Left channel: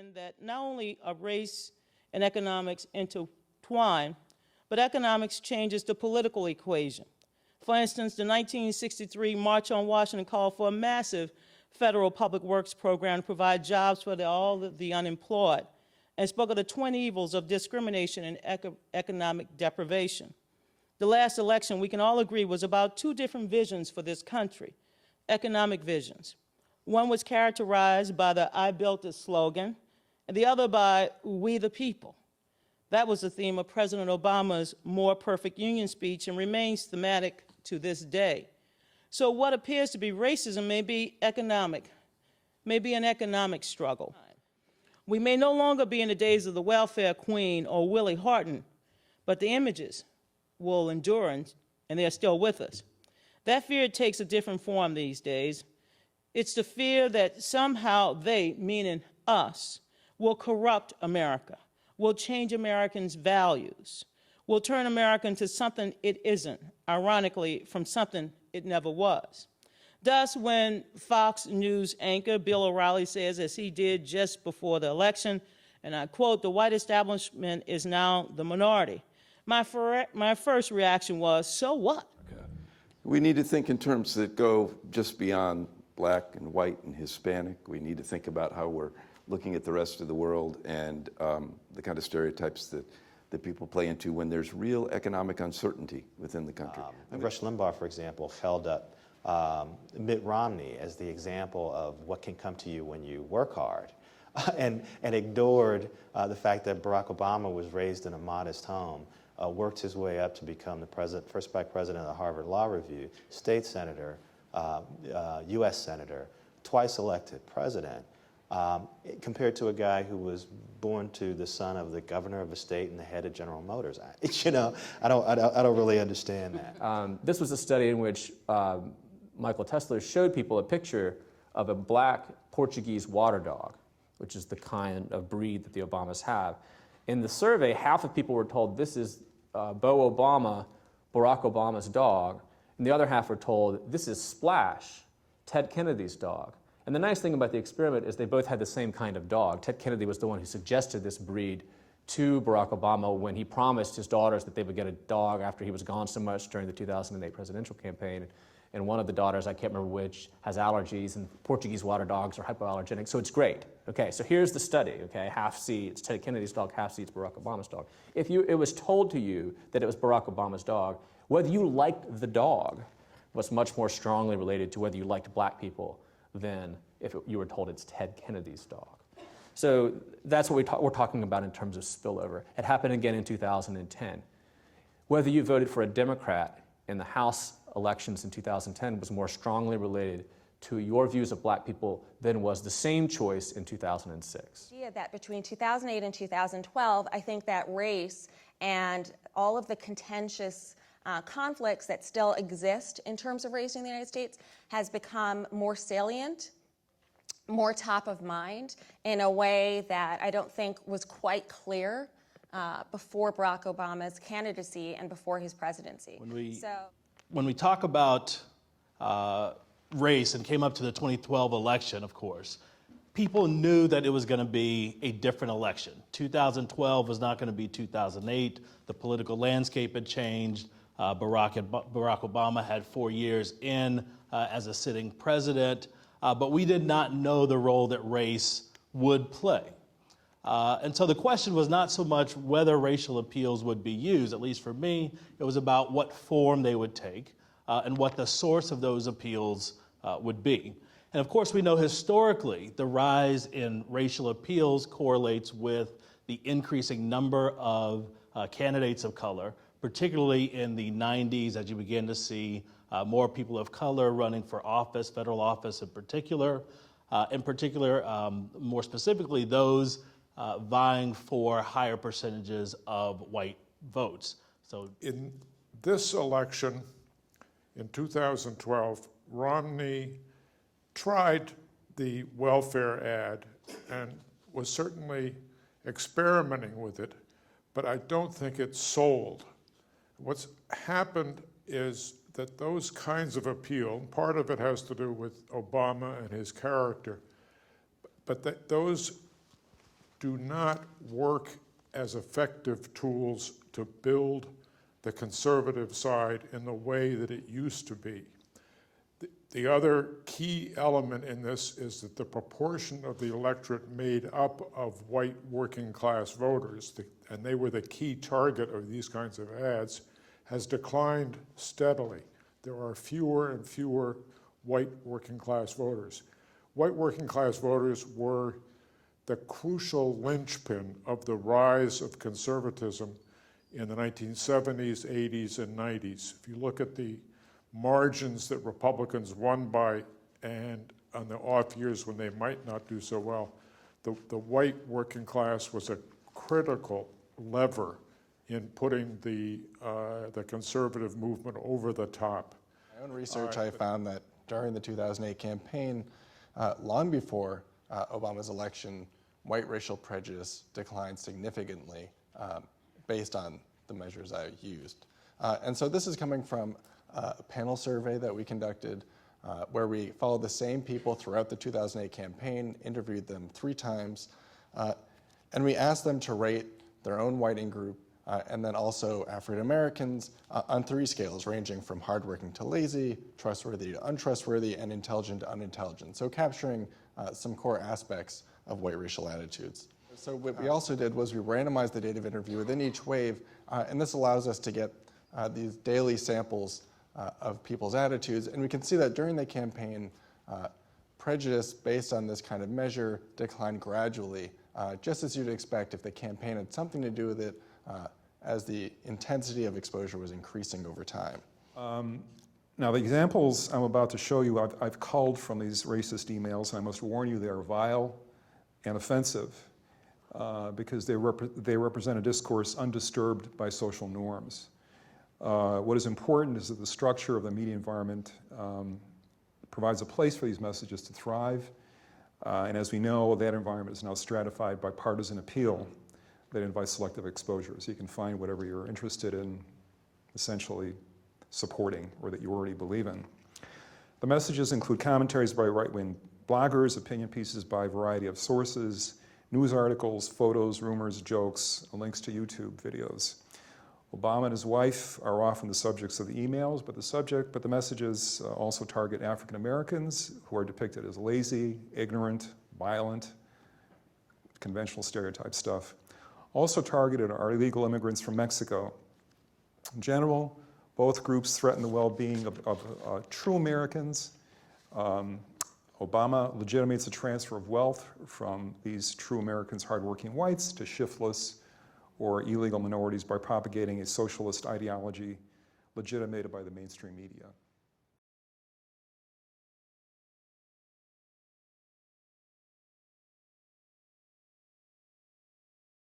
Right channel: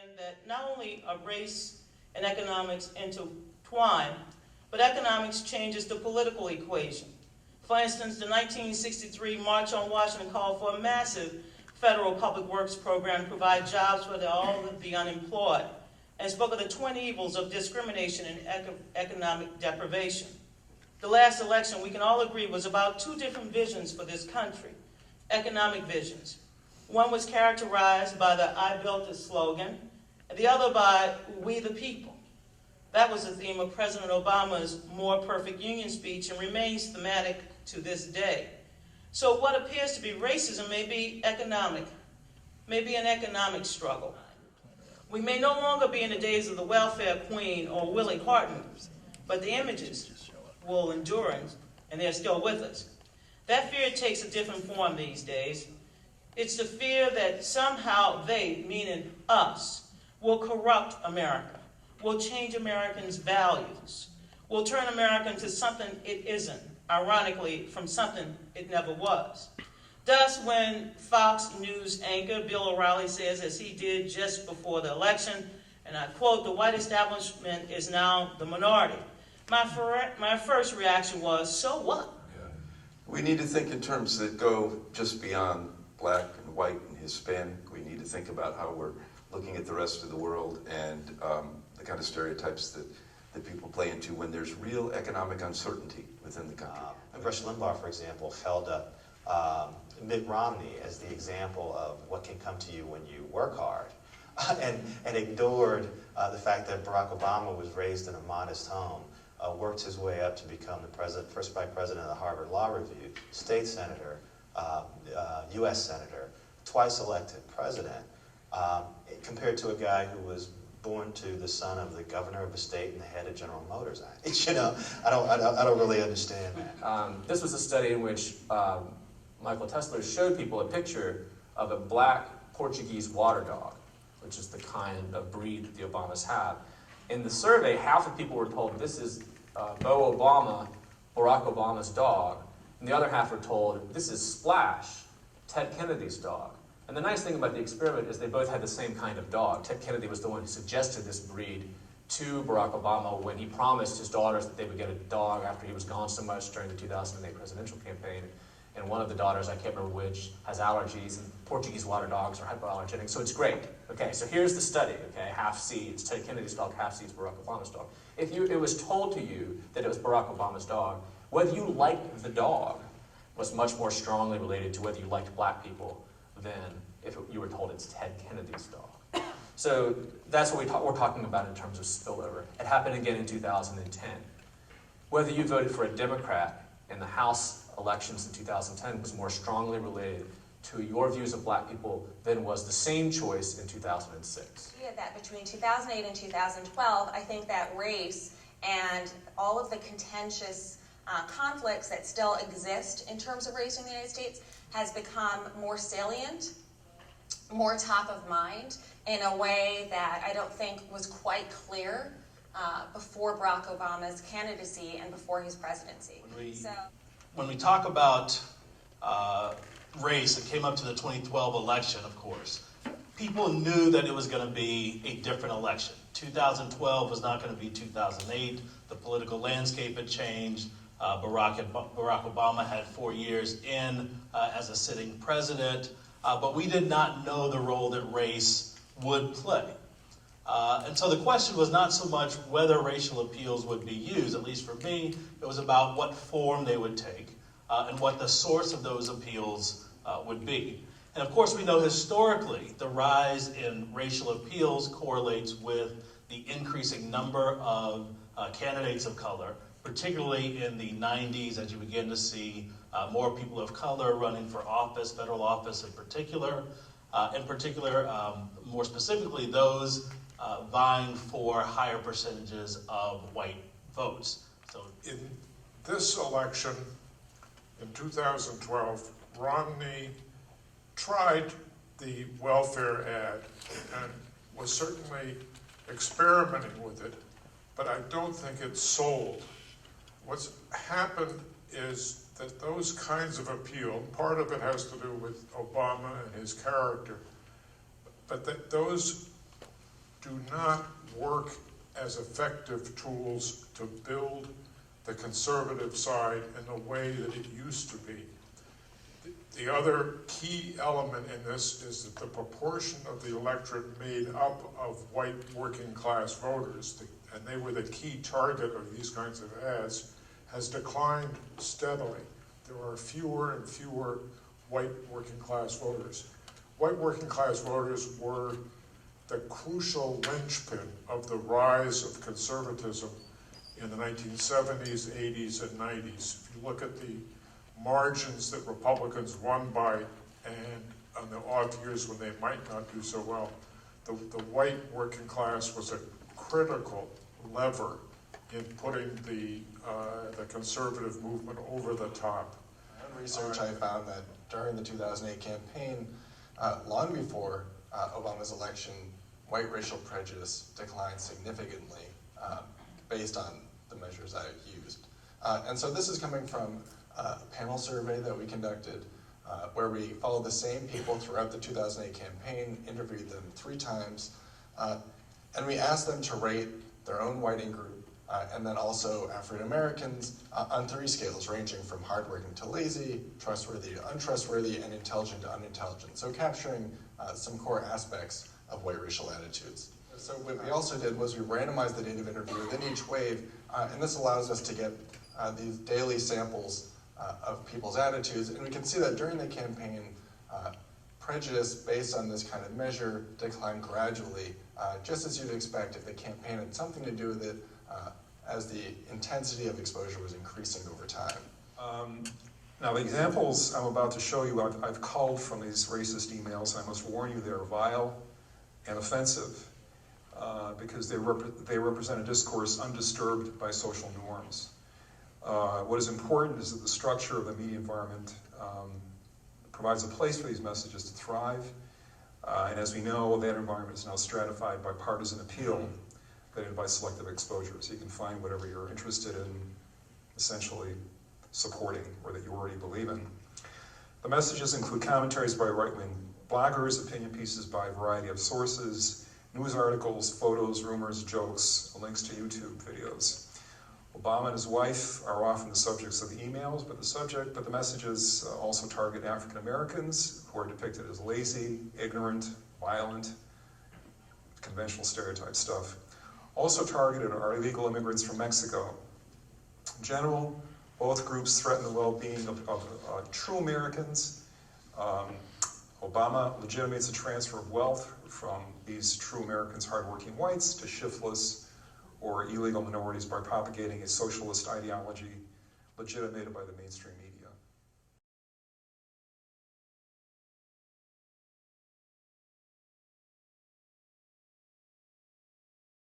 understand that not only are race and economics intertwined, but economics changes the political equation. For instance, the 1963 March on Washington called for a massive federal public works program to provide jobs for all of the unemployed, and spoke of the twin evils of discrimination and economic deprivation. The last election, we can all agree, was about two different visions for this country, economic visions. One was characterized by the "I built it" slogan, and the other by "we the people." That was the theme of President Obama's More Perfect Union speech and remains thematic to this day. So what appears to be racism may be an economic struggle. We may no longer be in the days of the welfare queen or Willie Horton, but the images will endure, and they're still with us. That fear takes a different form these days. It's the fear that somehow they, meaning us, will corrupt America, will change Americans' values, will turn America into something it isn't, ironically, from something it never was. Thus, when Fox News anchor Bill O'Reilly says, as he did just before the election, and I quote, "The white establishment is now the minority," my first reaction was, so what? We need to think in terms that go just beyond black and white and Hispanic. We need to think about how we're looking at the rest of the world and the kind of stereotypes that people play into when there's real economic uncertainty within the country. Rush Limbaugh, for example, held up Mitt Romney as the example of what can come to you when you work hard, and ignored the fact that Barack Obama was raised in a modest home, worked his way up to become the first black president of the Harvard Law Review, state senator, U.S. senator, twice elected president, compared to a guy who was born to the son of the governor of a state and the head of General Motors. You know, I don't really understand that. This was a study in which Michael Tesler showed people a picture of a black Portuguese water dog, which is the kind of breed that the Obamas have. In the survey, half of people were told this is Bo Obama, Barack Obama's dog, and the other half were told this is Splash, Ted Kennedy's dog. And the nice thing about the experiment is they both had the same kind of dog. Ted Kennedy was the one who suggested this breed to Barack Obama when he promised his daughters that they would get a dog after he was gone so much during the 2008 presidential campaign. And one of the daughters, I can't remember which, has allergies, and Portuguese water dogs are hypoallergenic, so it's great. Okay, so here's the study, okay, half C, it's Ted Kennedy's dog, half C, it's Barack Obama's dog. If it was told to you that it was Barack Obama's dog, whether you liked the dog was much more strongly related to whether you liked black people than if you were told it's Ted Kennedy's dog. So that's what we're talking about in terms of spillover. It happened again in 2010. Whether you voted for a Democrat in the House elections in 2010 was more strongly related to your views of black people than was the same choice in 2006. Yeah, that between 2008 and 2012, I think that race and all of the contentious conflicts that still exist in terms of race in the United States has become more salient, more top of mind in a way that I don't think was quite clear before Barack Obama's candidacy and before his presidency. When we talk about race and came up to the 2012 election, of course, people knew that it was going to be a different election. 2012 was not going to be 2008. The political landscape had changed. Barack Obama had 4 years in as a sitting president, but we did not know the role that race would play. And so the question was not so much whether racial appeals would be used, at least for me, it was about what form they would take and what the source of those appeals would be. And of course we know historically the rise in racial appeals correlates with the increasing number of candidates of color, particularly in the 90s as you begin to see more people of color running for office, federal office in particular, more specifically those vying for higher percentages of white votes. So in this election in 2012, Romney tried the welfare ad and was certainly experimenting with it, but I don't think it sold. What's happened is that those kinds of appeal, part of it has to do with Obama and his character, but that those do not work as effective tools to build the conservative side in the way that it used to be. The other key element in this is that the proportion of the electorate made up of white working class voters, and they were the key target of these kinds of ads, has declined steadily. There are fewer and fewer white working class voters. White working class voters were the crucial linchpin of the rise of conservatism in the 1970s, 80s, and 90s. If you look at the margins that Republicans won by, and on the off years when they might not do so well, the white working class was a critical lever in putting the conservative movement over the top. In research, I found that during the 2008 campaign, long before Obama's election, white racial prejudice declined significantly based on the measures I used. And so this is coming from a panel survey that we conducted where we followed the same people throughout the 2008 campaign, interviewed them 3 times, and we asked them to rate their own whiting group and then also African Americans on 3 scales ranging from hardworking to lazy, trustworthy to untrustworthy, and intelligent to unintelligent. So capturing some core aspects of white racial attitudes. So what we also did was we randomized the date of interview within each wave, and this allows us to get these daily samples of people's attitudes, and we can see that during the campaign, prejudice based on this kind of measure declined gradually, just as you'd expect if the campaign had something to do with it as the intensity of exposure was increasing over time. Now, the examples I'm about to show you, I've culled from these racist emails. I must warn you, they're vile and offensive because they represent a discourse undisturbed by social norms. What is important is that the structure of the media environment provides a place for these messages to thrive. And as we know, that environment is now stratified by partisan appeal that invites selective exposure. So you can find whatever you're interested in essentially supporting or that you already believe in. The messages include commentaries by right-wing bloggers, opinion pieces by a variety of sources, news articles, photos, rumors, jokes, links to YouTube videos. Obama and his wife are often the subjects of the emails, but the messages also target African Americans who are depicted as lazy, ignorant, violent, conventional stereotype stuff. Also targeted are illegal immigrants from Mexico. In general, both groups threaten the well-being of true Americans. Obama legitimates the transfer of wealth from these true Americans, hardworking whites, to shiftless or illegal minorities by propagating a socialist ideology legitimated by the mainstream media.